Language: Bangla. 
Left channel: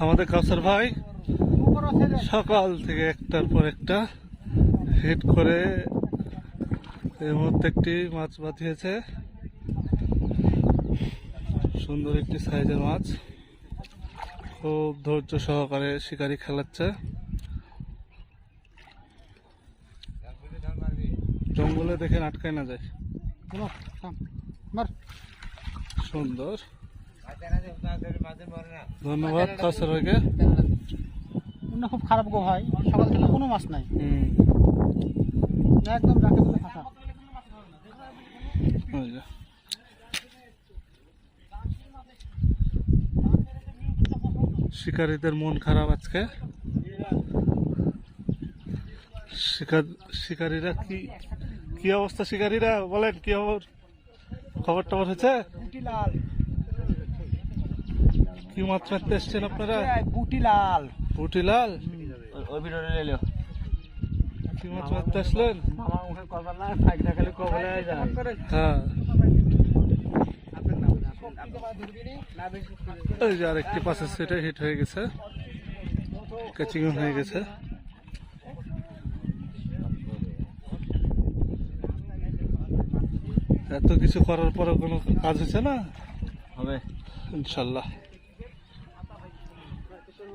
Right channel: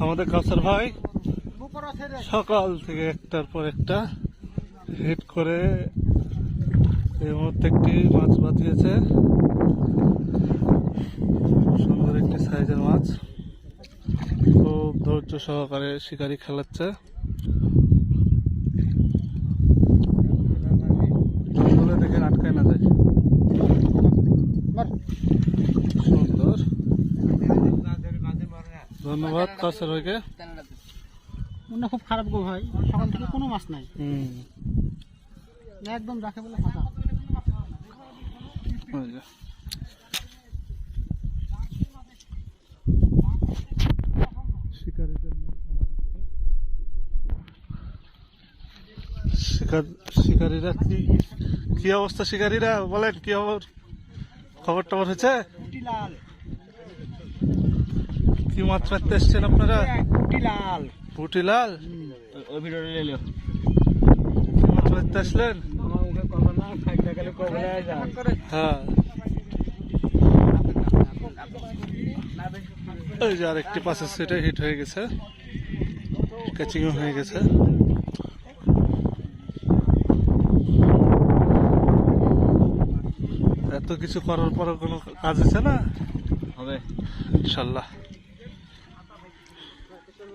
আমাদের কাউসার ভাই সকাল থেকে একটার পর একটা হিট করে এই মুহূর্তে একটি মাছ বাঁধিয়েছে। সুন্দর একটি সাইজের মাছ। খুব ধৈর্য সহকারে শিকারি খেলাচ্ছে। জঙ্গলে দেখে আটকায় না যায়। সুন্দর। ধন্যবাদ কাউসার ভাইকে অন্য খুব খারাপ গো ভাই সকাল থেকে কোনো মাছ নাই। একদম রাখে বলে ফাঁকা। শিকারীদের মন খারাপ আজকে। শিকার শিকারীরা কি কি অবস্থা শিকারীরা? বলেন কি খবর খবর টবর হয়েছে কি মাছ মারতে এসছেন আপনারা? পুটি লাল। পুটিলাল ওই ভিডিওটা নিয়ে কি মাছ মারতে আসলেন? আমার মুখে কথা না থাক দেখালে কবলে হ্যাঁ ওই যে আরেকটি পাশের সেটে হিট হয়ে গেছে। ক্যাচিং হয়ে গেছে। এত কিছু করার পরে কোনো কাজ হচ্ছে না? হবে। ইনশাল্লাহ।